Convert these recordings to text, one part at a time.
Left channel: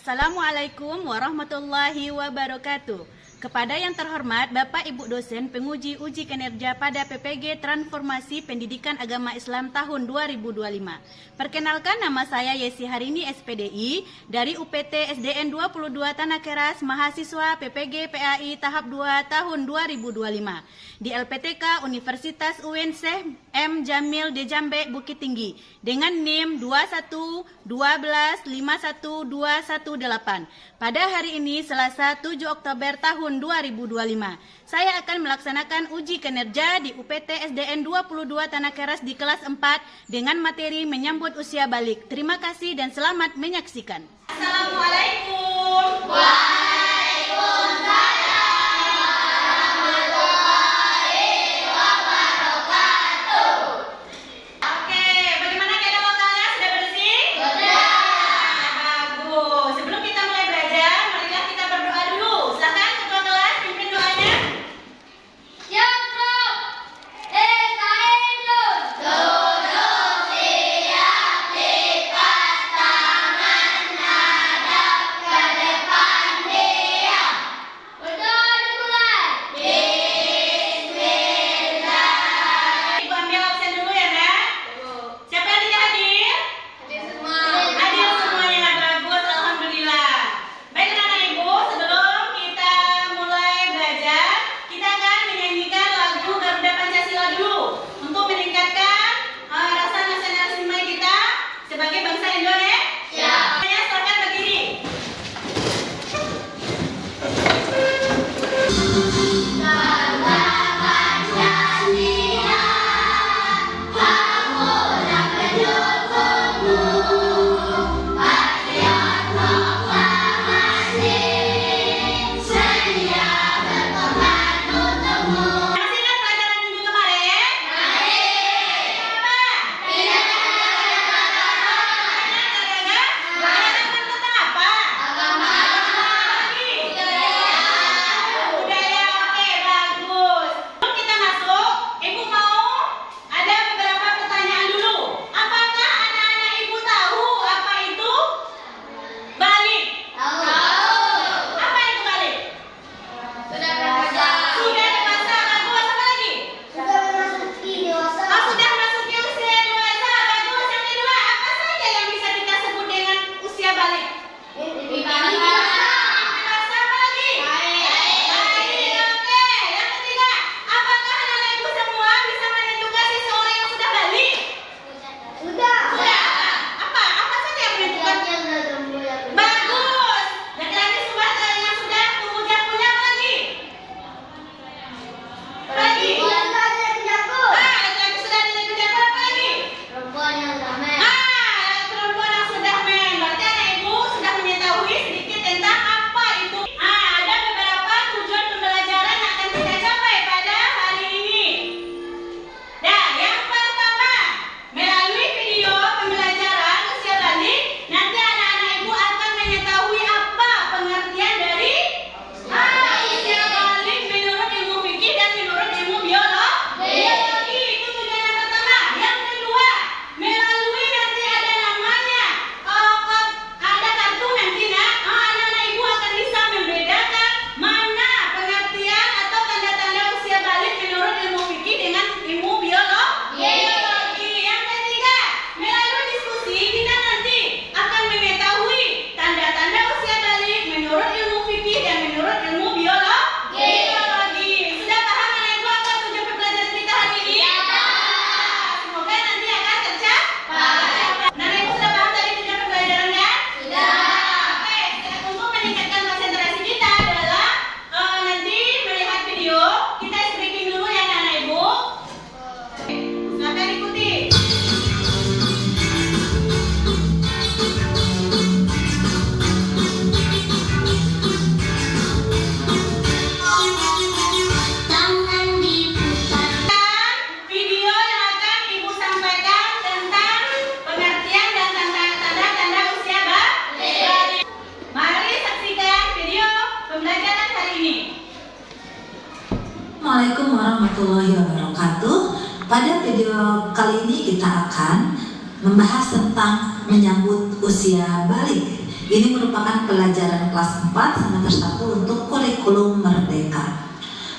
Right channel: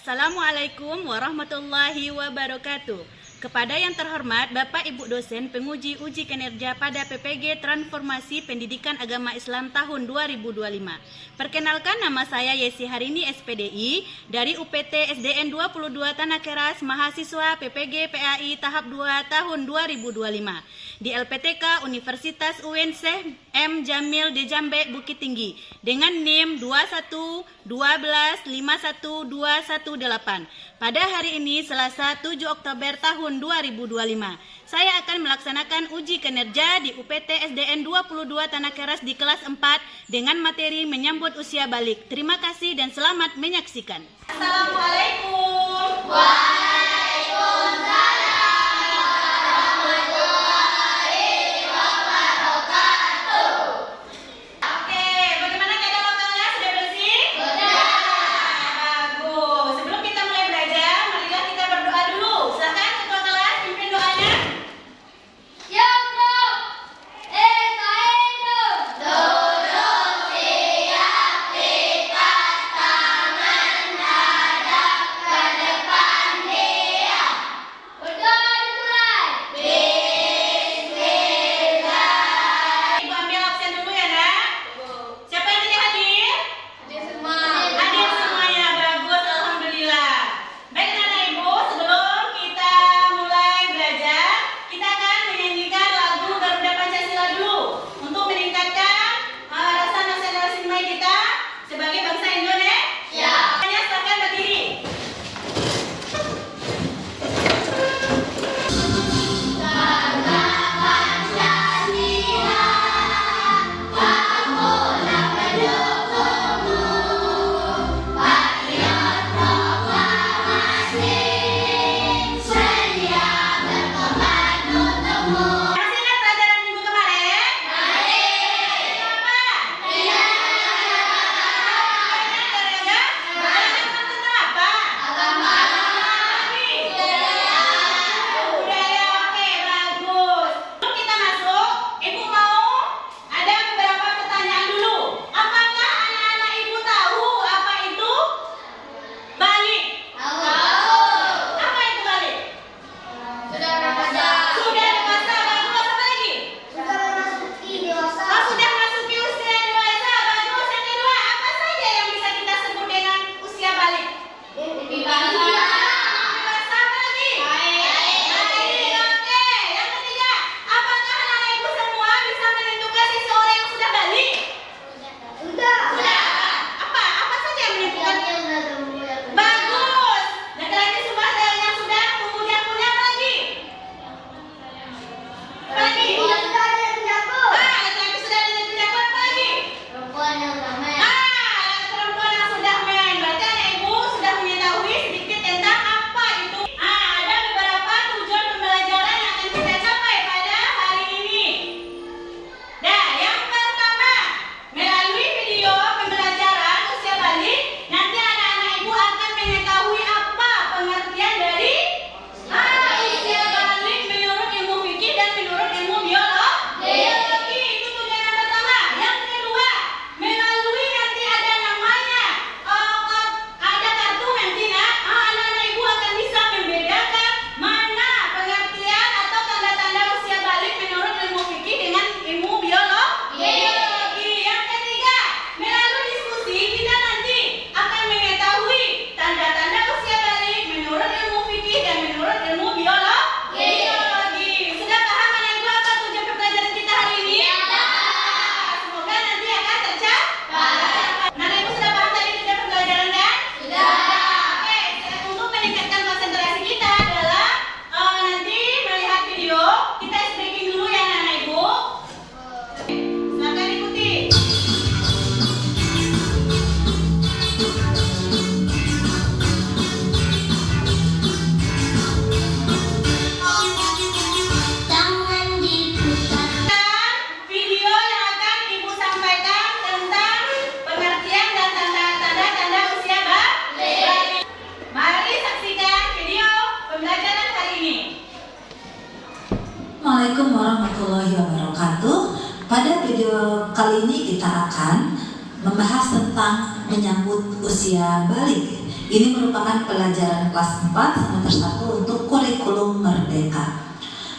Assalamualaikum warahmatullahi wabarakatuh. Kepada yang terhormat Bapak Ibu dosen penguji uji kinerja pada PPG Transformasi Pendidikan Agama Islam tahun 2025. Perkenalkan, nama saya Yesi Harini SPDI dari UPT SDN 22 Tanah Keras, mahasiswa PPG PAI tahap 2 tahun 2025 di LPTK Universitas UIN Syekh M. Jamil de Jambe Bukit Tinggi dengan NIM 2112512118. Pada hari ini Selasa 7 Oktober tahun 2025, saya akan melaksanakan uji kinerja di UPT SDN 22 Tanah Keras di kelas 4 dengan materi menyambut usia balik. Terima kasih dan selamat menyaksikan. Assalamualaikum. Waalaikumsalam. Assalamualaikum warahmatullahi wabarakatuh. Pada video kali ini kita akan membahas tentang menyambut usia balik. Ini merupakan pelajaran kelas 4 semester 1 untuk kurikulum merdeka.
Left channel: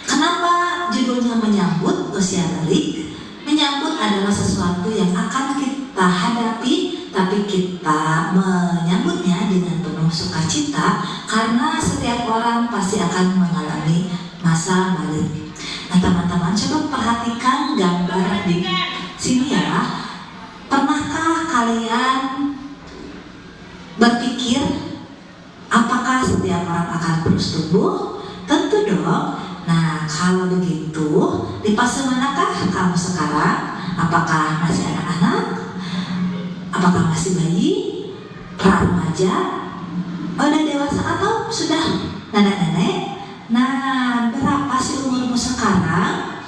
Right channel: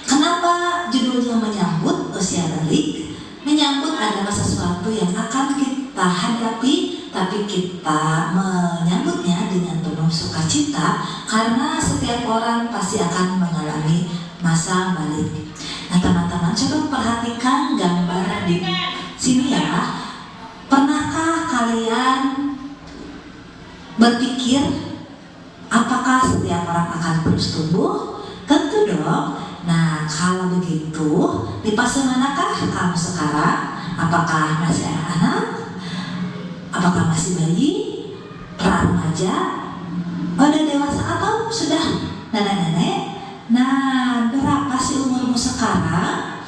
Kenapa judulnya menyambut usia balik? Menyambut adalah sesuatu yang akan kita hadapi, tapi kita menyambutnya dengan penuh sukacita karena setiap orang pasti akan mengalami masa balik. Nah teman-teman, coba perhatikan gambar di sini ya. Pernahkah kalian berpikir apakah setiap orang akan terus tumbuh? Tentu dong. Nah kalau begitu, di fase manakah kamu sekarang? Apakah masih anak-anak? Apakah masih bayi? Remaja? Udah dewasa atau sudah nenek-nenek? Nah berapa sih umurmu sekarang?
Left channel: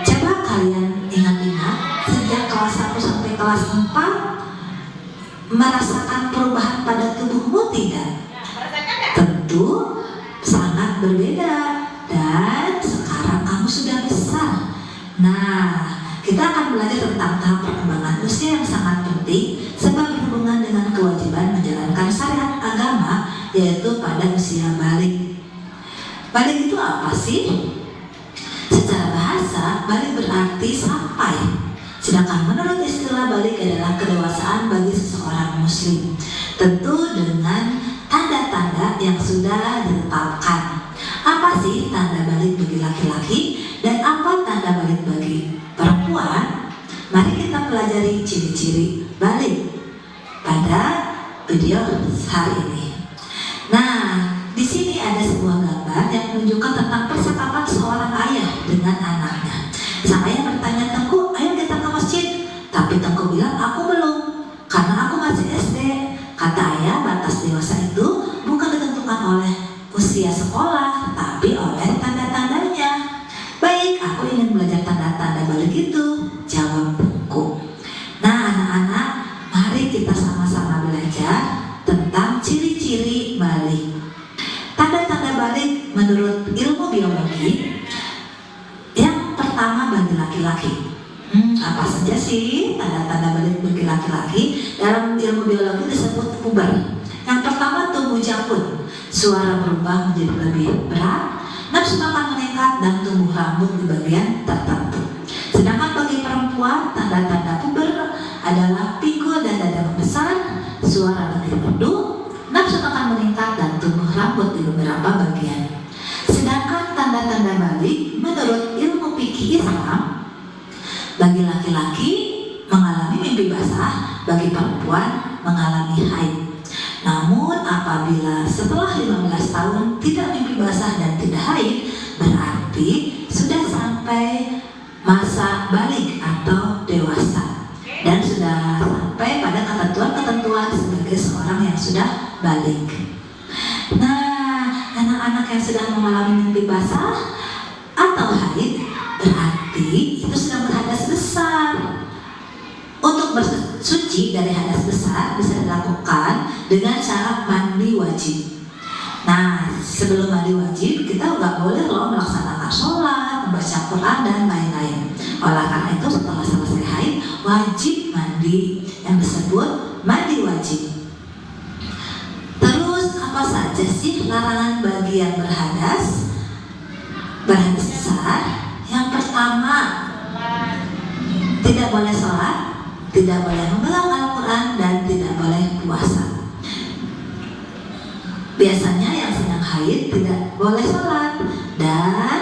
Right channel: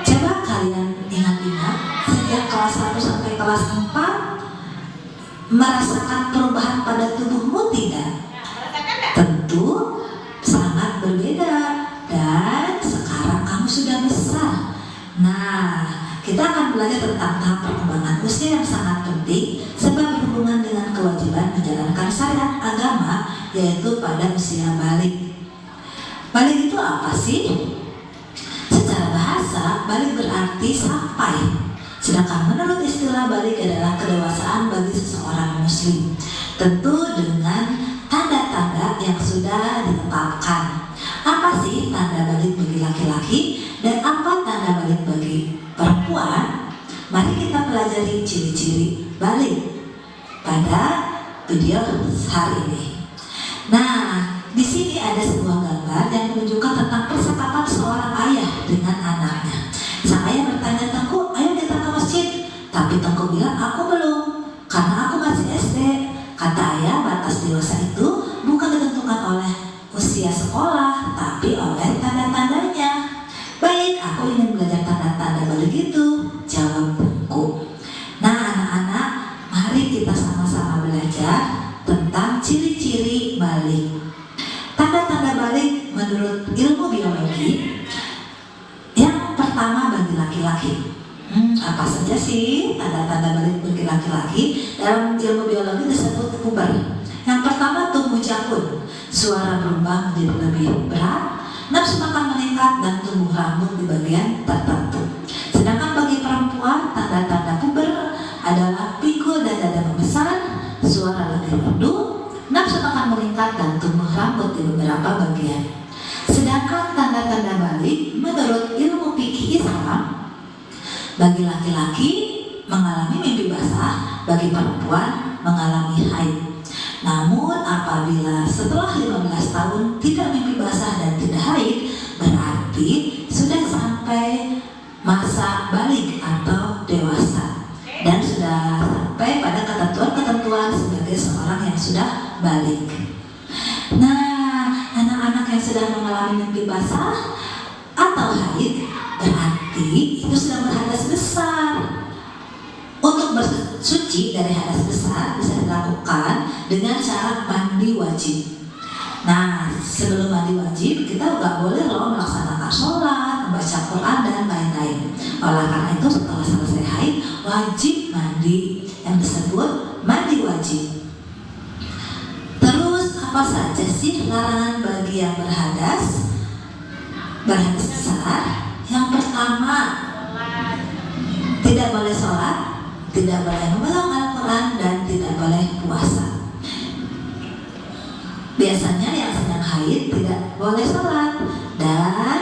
Coba kalian ingat-ingat sejak kelas 1 sampai kelas 4 merasakan perubahan pada tubuhmu tidak? Tentu sangat berbeda. Dan sekarang kamu sudah besar. Nah, kita akan belajar tentang tahap perkembangan usia yang sangat penting sebab berhubungan dengan kewajiban menjalankan syariat agama, yaitu pada usia balik. Balik itu apa sih? Secara bahasa, balik berarti sampai. Sedangkan menurut istilah balik adalah kedewasaan bagi seseorang muslim. Tentu dengan tanda-tanda yang sudah ditetapkan. Apa sih tanda balik bagi laki-laki dan apa tanda balik bagi perempuan? Mari kita pelajari ciri-ciri balik pada video hari ini. Nah, di sini ada sebuah gambar yang menunjukkan tentang percakapan seorang ayah dengan anaknya. Sang ayah bertanya, "Tengku, ayo kita ke masjid." Tapi Tengku bilang, "Aku belum, karena aku masih SD." Kata ayah, batas dewasa itu bukan ditentukan oleh usia sekolah, tapi oleh tanda-tandanya. "Baik, aku ingin belajar tanda-tanda balik itu," jawab Tengku. Nah anak-anak, mari kita sama-sama belajar tentang ciri-ciri balik. Tanda-tanda balik menurut ilmu biologi, yang pertama bagi laki-laki. Apa saja sih tanda-tanda balik bagi laki-laki? Dalam ilmu biologi disebut puber. Yang pertama tumbuh janggut, suara berubah menjadi lebih berat, nafsu makan meningkat, dan tumbuh rambut di bagian tertentu. Sedangkan bagi perempuan, tanda-tanda puber adalah pikul dan dada membesar, suara lebih merdu, nafsu makan meningkat, dan tumbuh rambut di beberapa bagian. Sedangkan tanda-tanda balik menurut ilmu fikih Islam, bagi laki-laki mengalami mimpi basah, bagi perempuan mengalami haid. Namun apabila setelah 15 tahun tidak mimpi basah dan tidak haid, berarti sudah sampai masa balik atau dewasa dan sudah sampai pada ketentuan-ketentuan sebagai seorang yang sudah balik. Nah, anak-anak yang sudah mengalami mimpi basah atau haid berarti itu sudah berhadas besar. Untuk bersuci dari hadas besar bisa dilakukan dengan cara mandi wajib. Nah, sebelum mandi wajib kita nggak boleh loh melaksanakan sholat, membaca Quran dan lain-lain. Oleh karena itu setelah selesai haid wajib mandi yang disebut mandi wajib. Terus apa saja sih larangan bagi yang berhadas besar? Yang pertama, tidak boleh sholat, tidak boleh memegang Al-Quran, dan tidak boleh puasa. Biasanya yang sedang haid tidak boleh sholat dan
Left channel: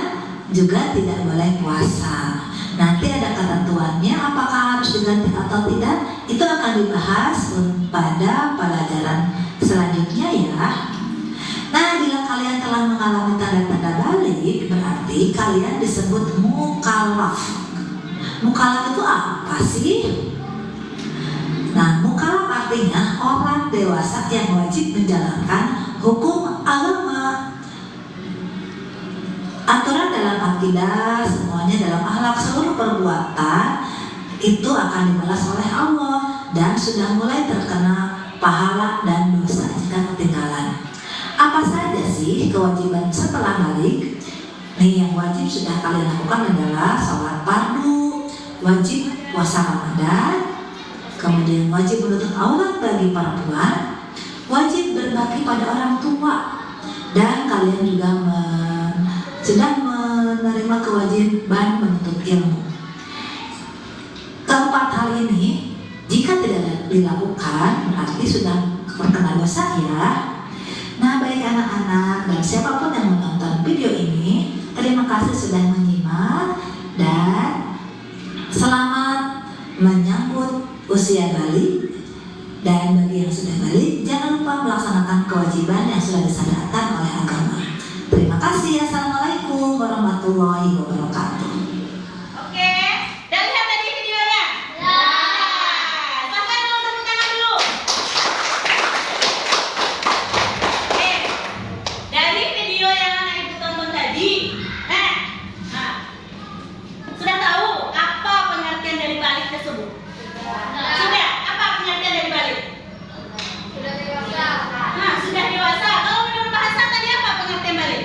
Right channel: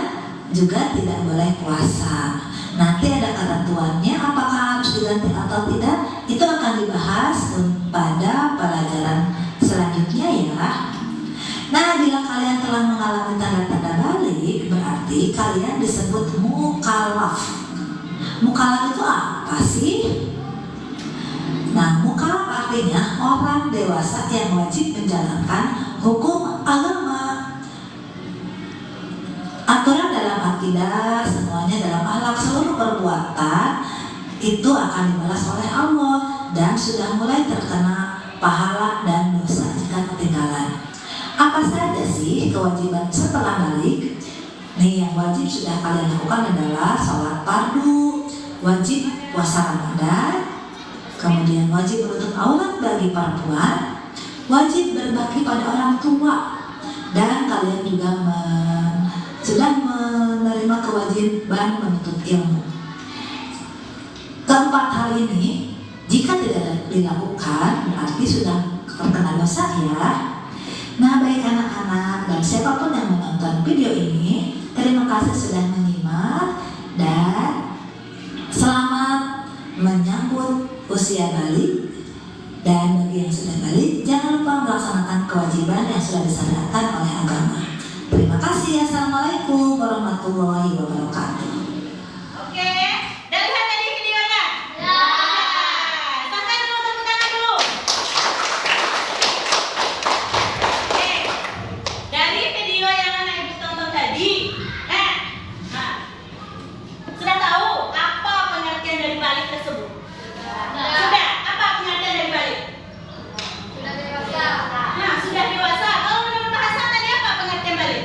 juga tidak boleh puasa. Nanti ada ketentuannya apakah harus diganti atau tidak. Itu akan dibahas pada pelajaran selanjutnya ya. Nah, bila kalian telah mengalami tanda-tanda balik, berarti kalian disebut mukallaf. Mukallaf itu apa sih? Nah, mukallaf artinya orang dewasa yang wajib menjalankan hukum agama. Aturan dalam akidah, semuanya dalam akhlak, seluruh perbuatan itu akan dibalas oleh Allah dan sudah mulai terkena pahala dan dosa jika ketinggalan. Apa saja sih kewajiban setelah balik? Nih, yang wajib sudah kalian lakukan adalah sholat fardu, wajib puasa Ramadan, kemudian wajib menutup aurat bagi perempuan, wajib berbakti pada orang tua, dan kalian juga sedang menerima kewajiban menuntut ilmu. Keempat hal ini jika tidak dilakukan berarti sudah terkena dosa ya. Nah, baik anak-anak dan siapapun yang menonton video ini, terima kasih sudah menyimak dan selamat menyambut usia balik. Dan bagi yang sudah balik, jangan lupa melaksanakan kewajiban yang sudah disyariatkan oleh agama. Terima kasih. Assalamualaikum warahmatullahi wabarakatuh. Oke, udah lihat tadi videonya? Ya. Makan dulu, tepuk tangan dulu. Oke, dari video yang anak ibu tonton tadi, sudah tahu apa pengertian dari balik tersebut? Sudah. Apa pengertian dari balik? Sudah dewasa. Sudah dewasa. Kalau menurut Pak Hasan tadi apa pengertian balik?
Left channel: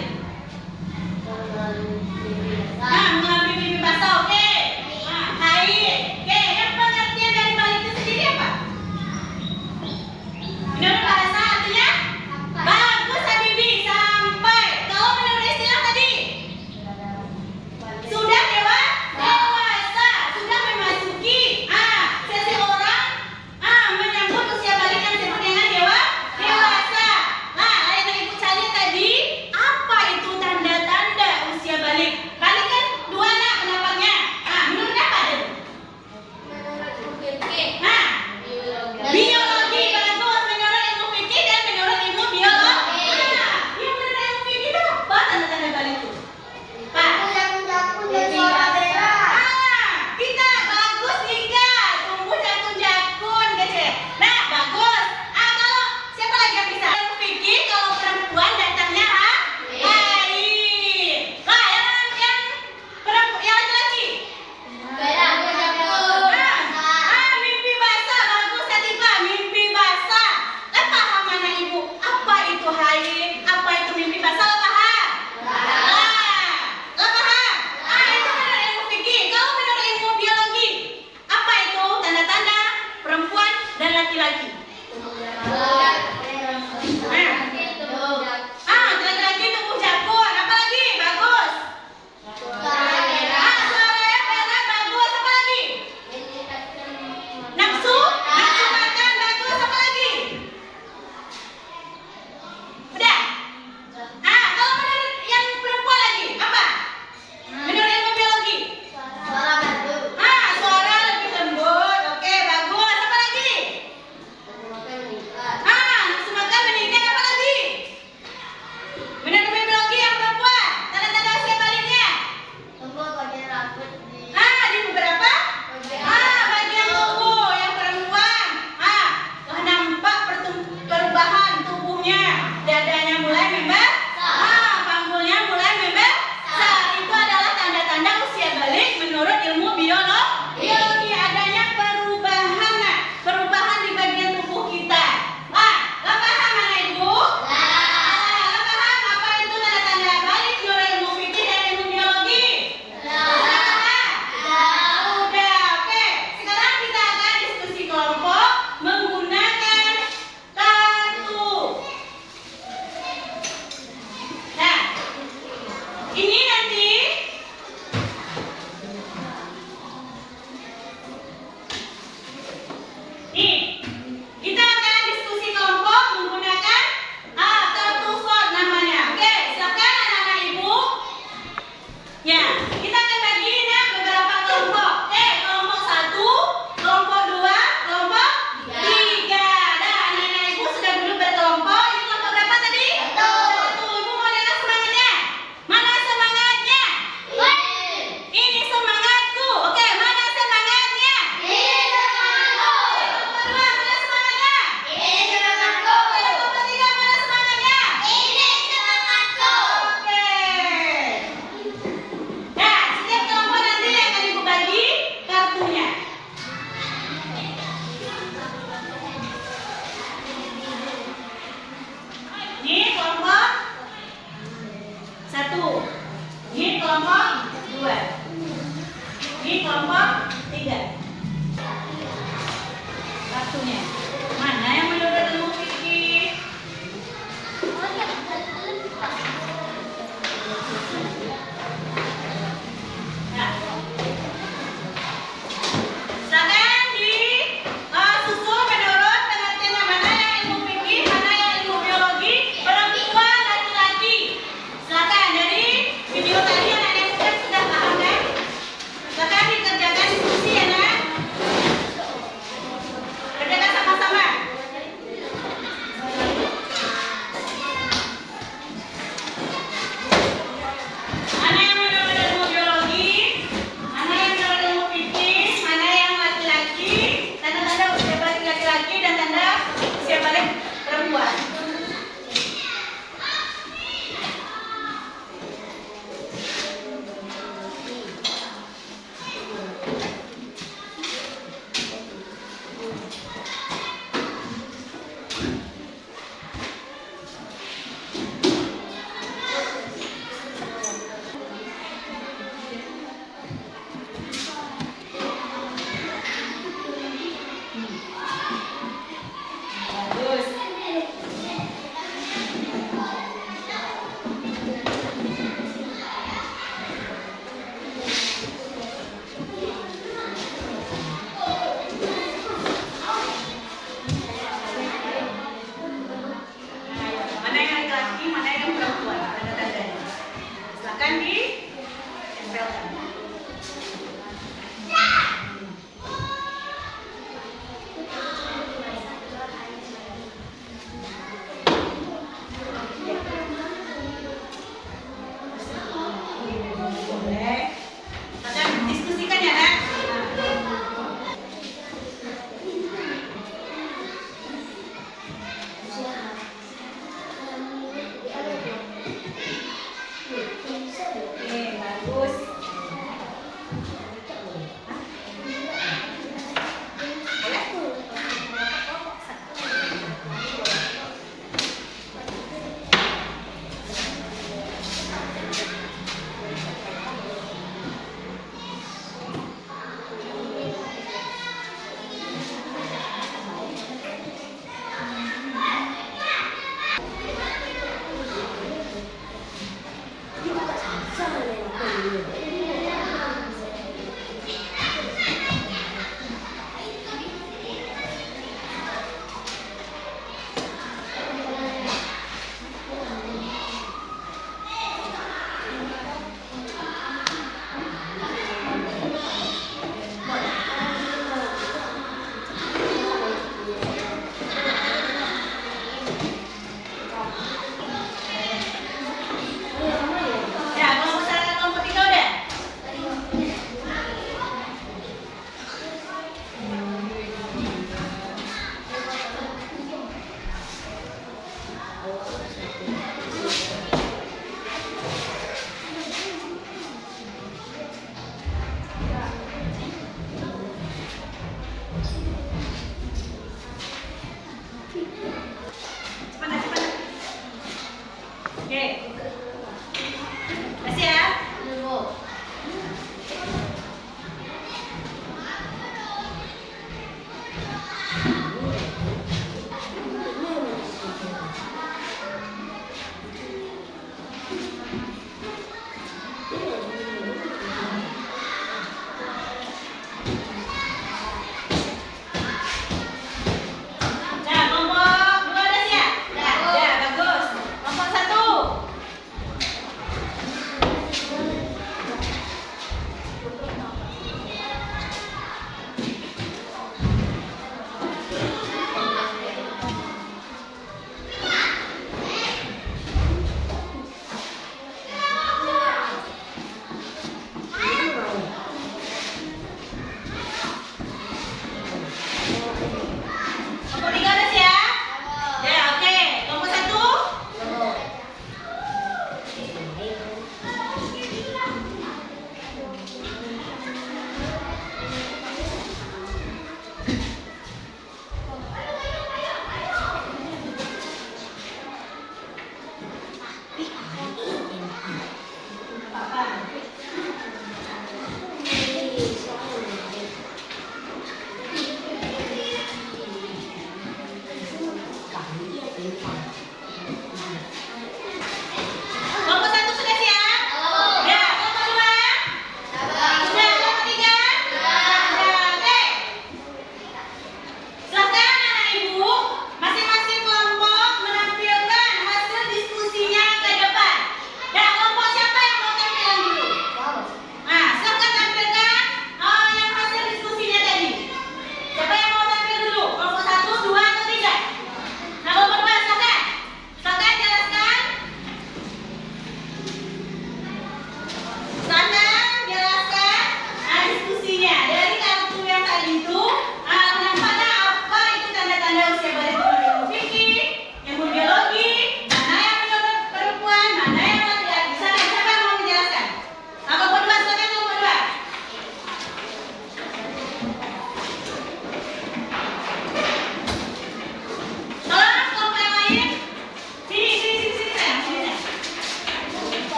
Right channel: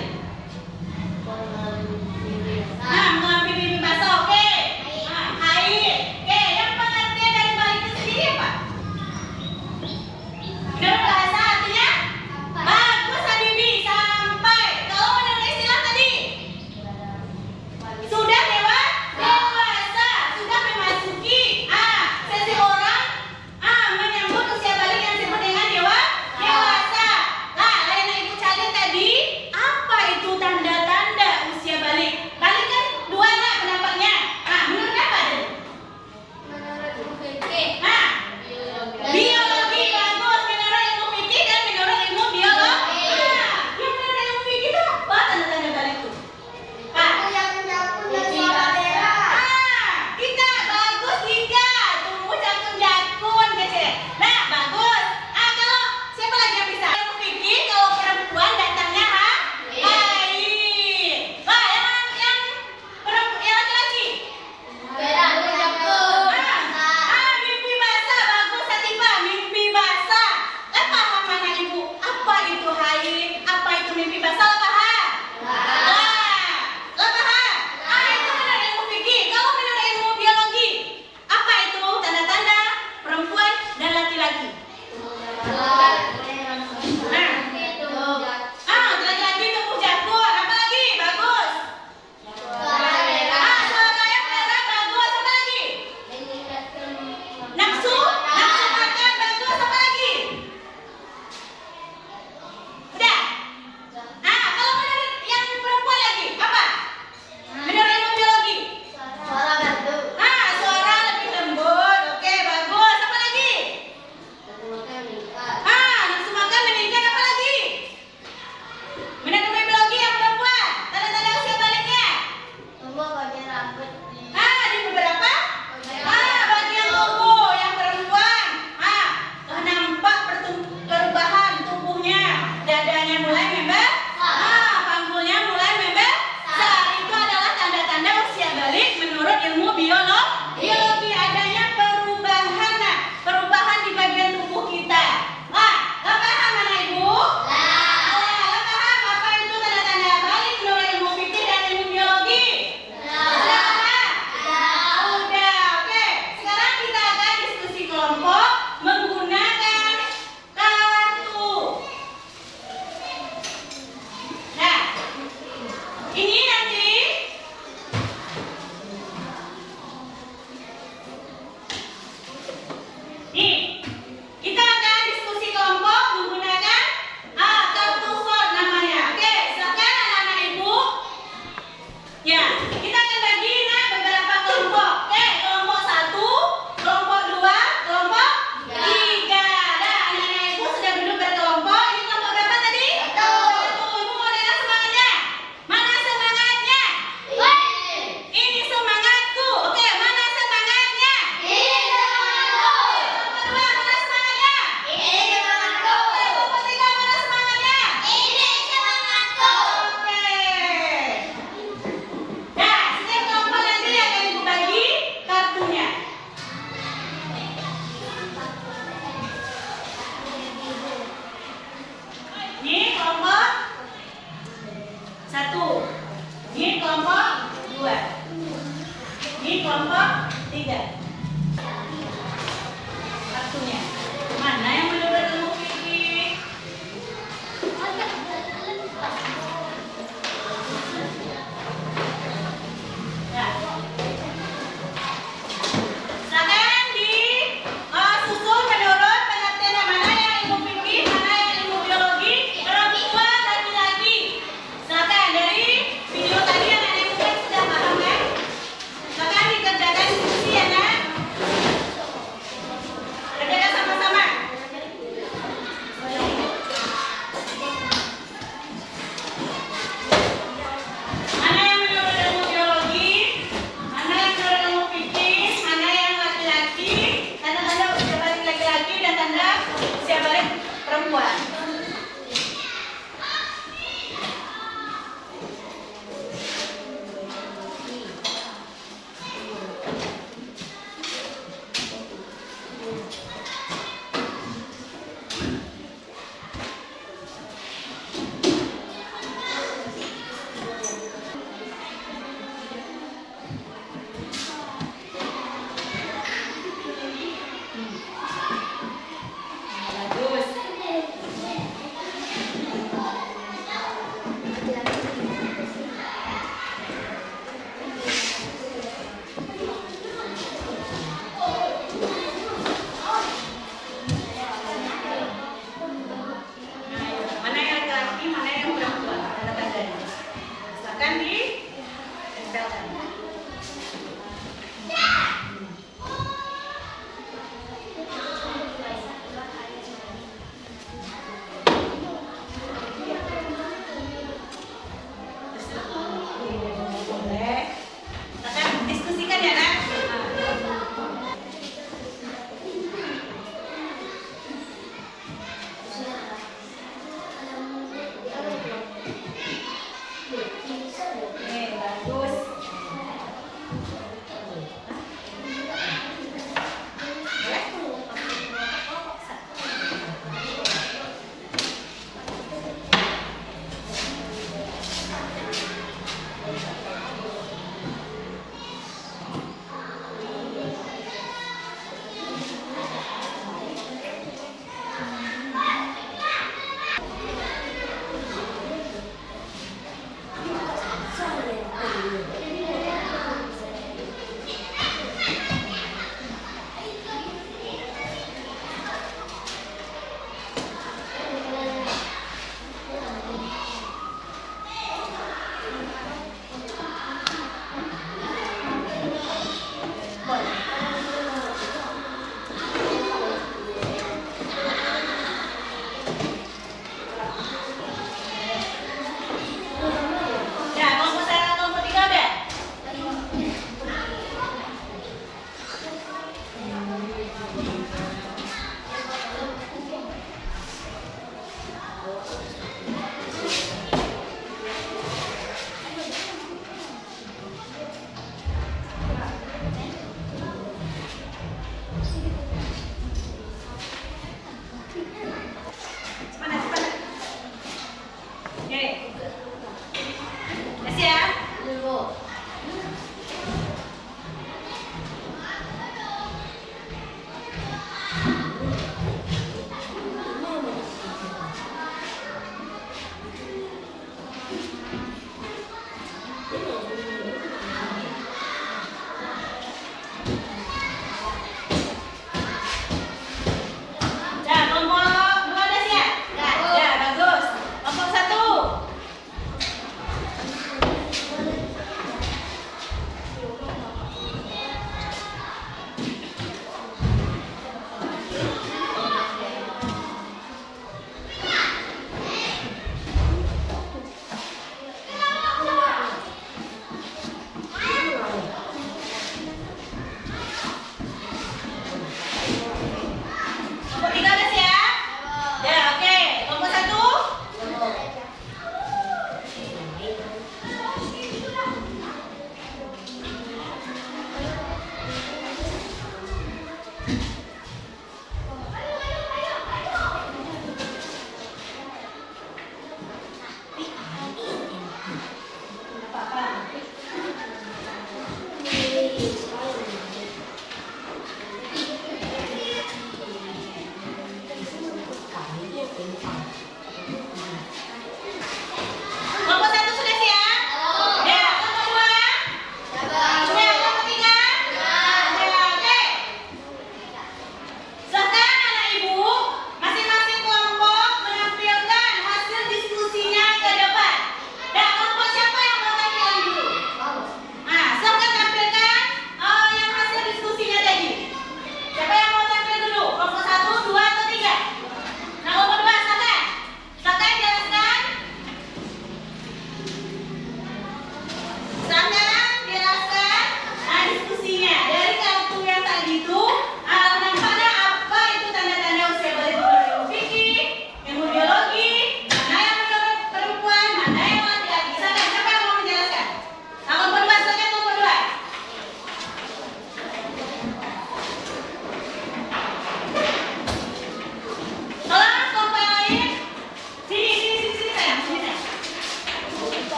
Mengalami mimpi basah. Oke. Haid. Oke, yang pengertian dari balik itu sendiri apa? Menurut Pak Hasan artinya? Bagus Habibi, sampai. Kalau menurut istilah tadi? Sudah dewasa, sudah memasuki seseorang menyambut usia balik yang disebut dengan dewasa. Nah, Lena ibu cari tadi apa itu tanda-tanda usia balik? Balik kan dua nak pendapatnya. Menurut apa tadi? Biologi bagus. Menurut ilmu fikih dan menurut ilmu biologi. Yang menurut ilmu fikih itu apa tanda-tanda balik itu? Pak. Kita bagus tiga, tumbuh jakun-jakun kece. Nah, bagus. Kalau siapa lagi yang bisa? Yang fikir kalau perempuan datangnya haid. Lah, yang perempuan yang laki-laki. Mimpi basah, bagus Hatifah, mimpi basah. Lah paham anak ibu, apa itu haid? Apa itu mimpi basah? Lah paham? Lah paham? Itu menurut ilmu fikih. Kalau menurut ilmu biologi, apa itu tanda-tanda perempuan dan laki-laki? Laki-laki tumbuh jakun. Apa lagi? Bagus. Suaranya pelan, bagus. Apa lagi? Nafsu makan, bagus. Apa lagi? Udah. Kalau menurut yang perempuan lagi, apa? Menurut ilmu biologi? Suara lebih lembut. Oke, bagus. Apa lagi? Nafsu makan meningkat. Apa lagi? Menurut ilmu biologi yang perempuan, tanda-tanda usia baliknya? Di beberapa bagian tubuh yang perempuan. Nampak perubahan tubuhnya. Dadanya mulai membesar. Panggulnya mulai membesar. Itu adalah tanda-tanda usia balik menurut ilmu biologi. Adanya perubahan di bagian tubuh kita. Lah paham anak ibu? Lah paham apa itu tanda-tanda balik menurut ilmu fikih dan ilmu biologi? Udah, oke. Sekarang kita akan diskusi kelompok menggunakan kartu. Diskusikan ya, Nak. Oke, bagus. Ya, kelompok 1, kelompok 3 udah? Cepat, cepat. Oke. Kasih ya.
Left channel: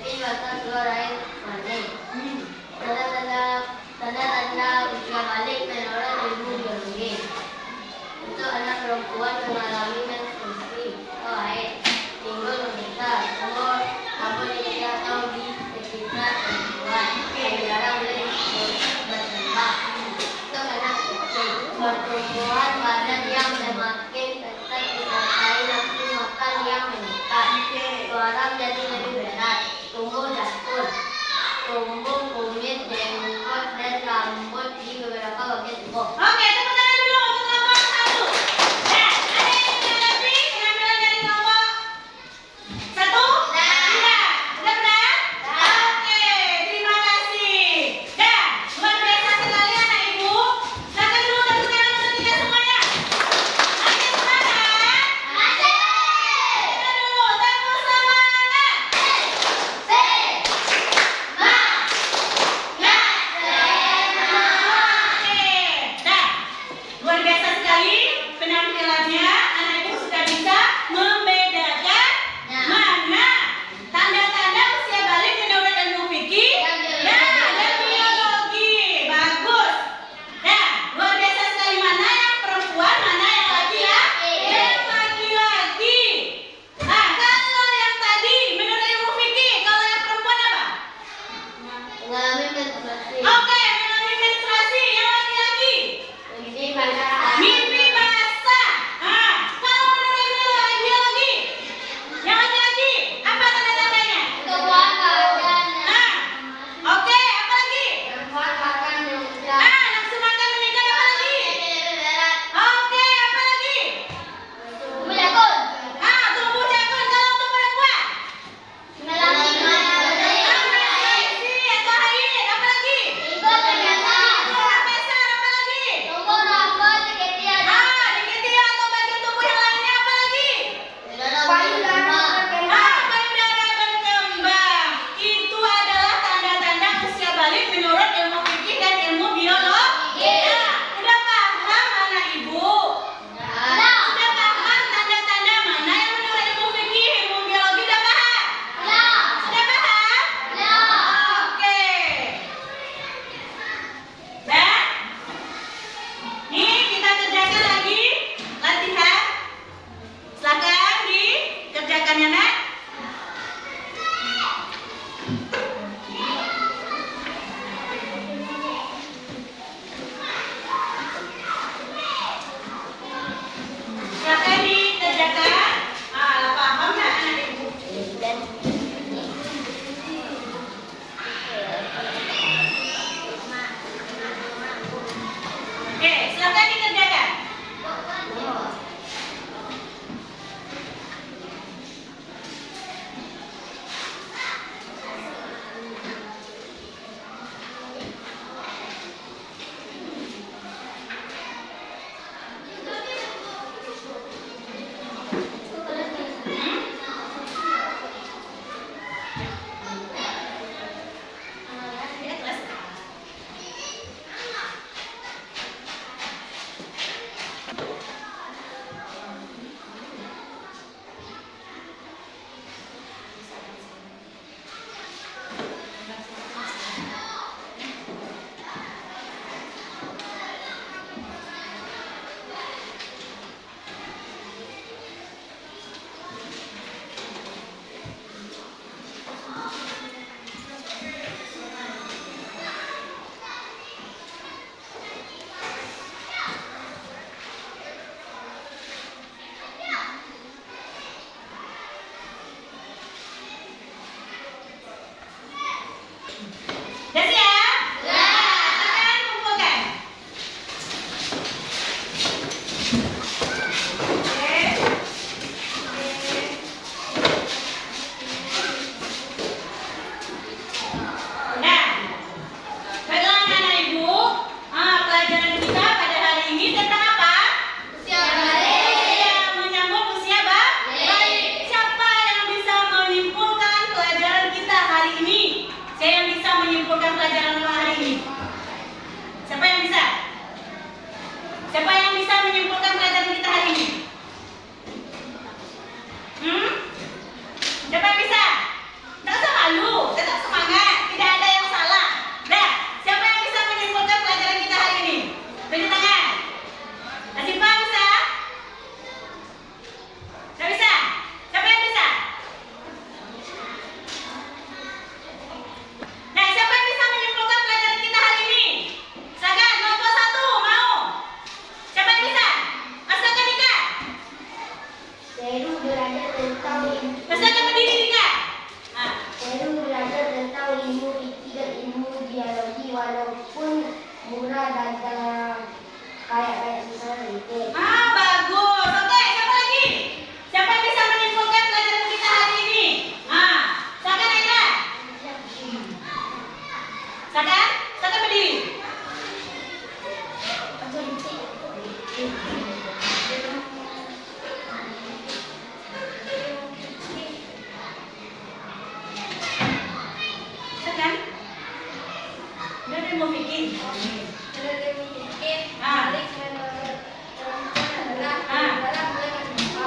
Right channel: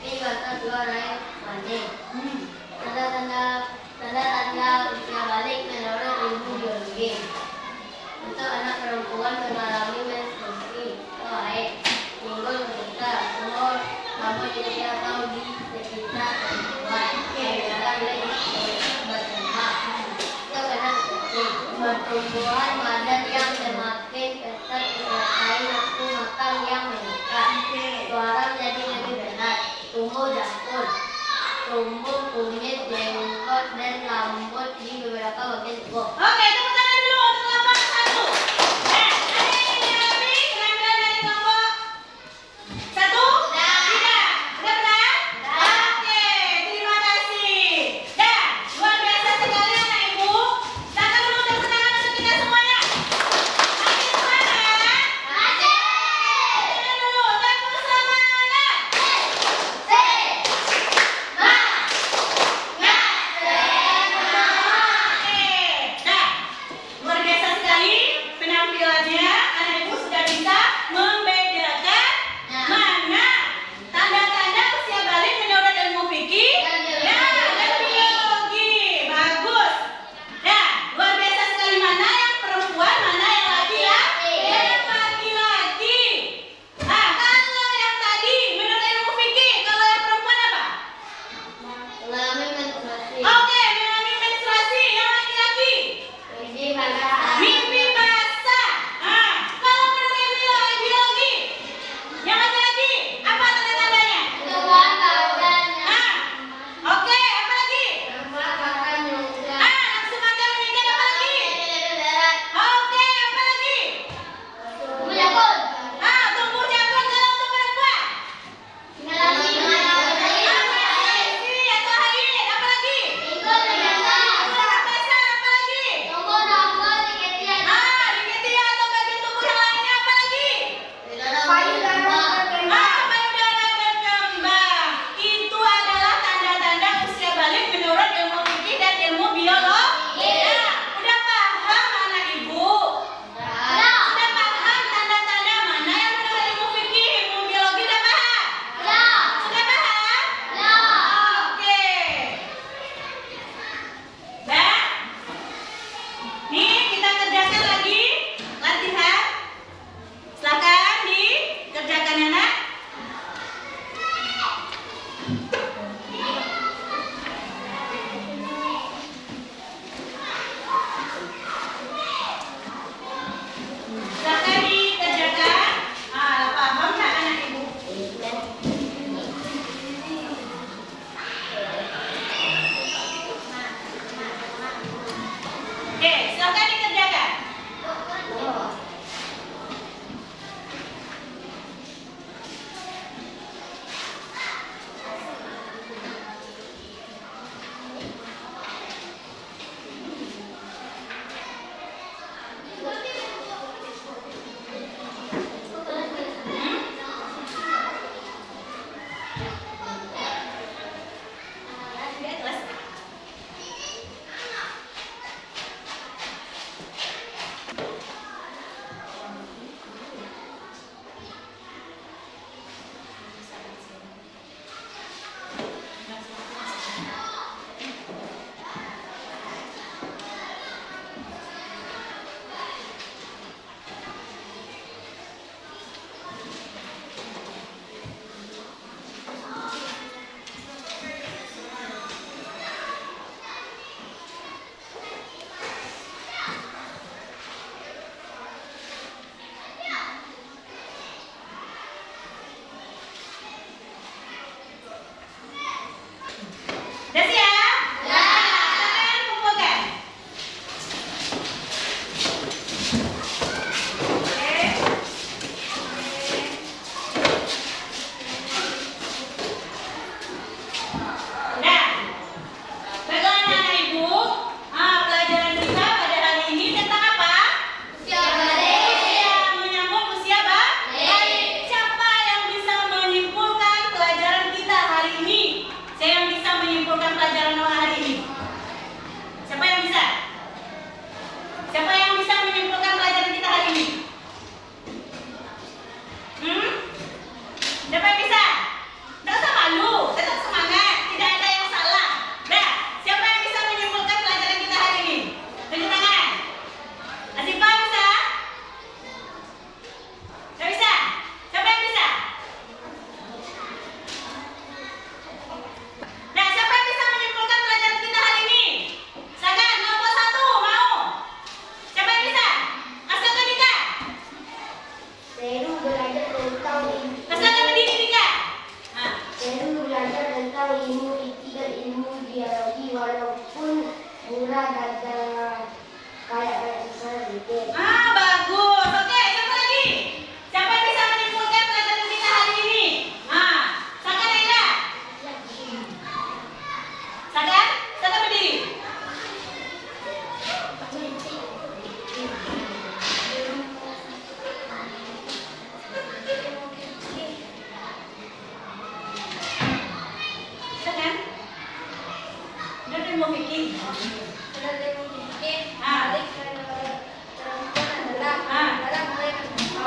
memiliki batas luar air mani. Tanda-tanda usia balik menurut ilmu biologi. Untuk anak perempuan mengalami menstruasi atau haid, timbul menderita umur rambut di atau di sekitar perempuan. Dilarang oleh bertembak. Untuk anak kecil, pertumbuhan badan yang semakin ketat disertai nafsu makan yang meningkat. Suara menjadi lebih berat, tumbuh dapur, tumbuh kumis, jenggot, dan rambut di beberapa bagian tubuh. Oke, tepuk tangan dulu untuk kelompok 1. Nah, ada yang ingin lebih pengambilan dari kelompok 1? Tidak. Sudah benar? Oke, terima kasih. Dan luar biasa sekali anak ibu. Silakan dulu tepuk tangan untuk kita semuanya. Masih semangat? Kita dulu tepuk semangat. Oke, nah, luar biasa sekali penampilannya. Anak ibu sudah bisa membedakan mana tanda-tanda usia balik menurut ilmu fikih dan biologi. Bagus. Nah, luar biasa sekali mana yang perempuan, mana yang laki-laki. Yang laki-laki. Nah, kalau yang tadi menurut ilmu fikih, kalau yang perempuan apa? Mengalami menstruasi. Oke, mengalami menstruasi. Yang laki-laki Mimpi basah. mimpi basah. Nah, kalau menurut ilmu biologi, yang laki-laki apa tanda-tandanya? Tumbuhan badan. Nah, oke, apa lagi? Nafsu makan meningkat. Nafsu makan meningkat, apa lagi? Oke, apa lagi? Tumbuh jakun. Tumbuh jakun. Kalau untuk perempuan? Mengalami menstruasi. Menstruasi atau haid, apa lagi? Ikut kegiatan. Tumbuh basah, apa lagi? Tumbuh rambut di ketiak. Di ketiak atau bagian tubuh yang lainnya, apa lagi? Payudara berkembang. Payudara berkembang. Itu adalah tanda-tanda usia balik menurut ilmu fikih dan ilmu biologi. Nah, udah paham anak ibu? Sudah paham tanda-tanda mana yang menurut ilmu fikih, ilmu biologi, udah paham? Sudah paham? Oke. Dan nih kita kerjakan lagi latihan. Silakan dikerjakan ya nak. Silakan dikerjakan. Paham nggak anak ibu? Oke, silakan dikerjakan. Dia kelas A. Udah siap? Silakan kumpulkan. Oke. Nah, pegangan anak ibu. Pelajaran kita pada hari ini tentang apa? Usia balik. Menyambut usia balik. Siapa yang bisa menyimpulkan pelajaran kita hari ini? Saya yang bisa menyimpulkan pelajaran hari ini. Siapa yang bisa? Siapa yang bisa menyimpulkan pelajaran kita hari ini? Siapa yang bisa? Nggak usah malu. ilmu fikih dan ilmu biologi walaupun murah dan kayak misalnya detail. Bagus. Oke, siapa lagi? Siapa yang bisa menyimpulkan pelajaran kita hari ini? Silakan Aida. Silakan berdiri. Silakan. Udah ilmu fikih.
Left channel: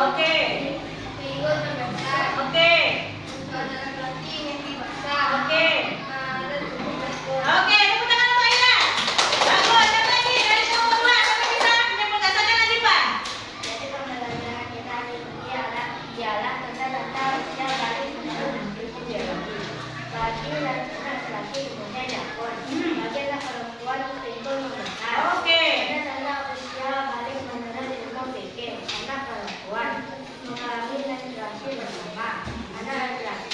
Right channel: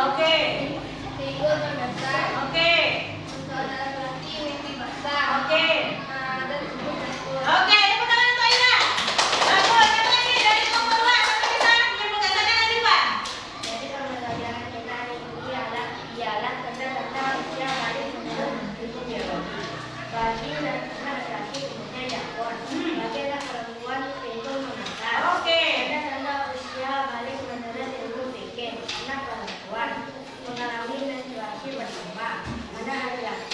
Oke. Oke, tepuk tangan untuk Aida. Bagus, siapa lagi dari kelompok 2 sampai bisa menyimpulkan? Silakan Azifah. Jadi pembelajaran kita hari ini ialah tentang usia balik menurut ilmu biologi. Bagi laki-laki umumnya jakun, bagi perempuan pinggul membesar. Oke. Ada tanda usia balik menurut ilmu fikih, anak perempuan mengalami menstruasi berkembang, anak laki-laki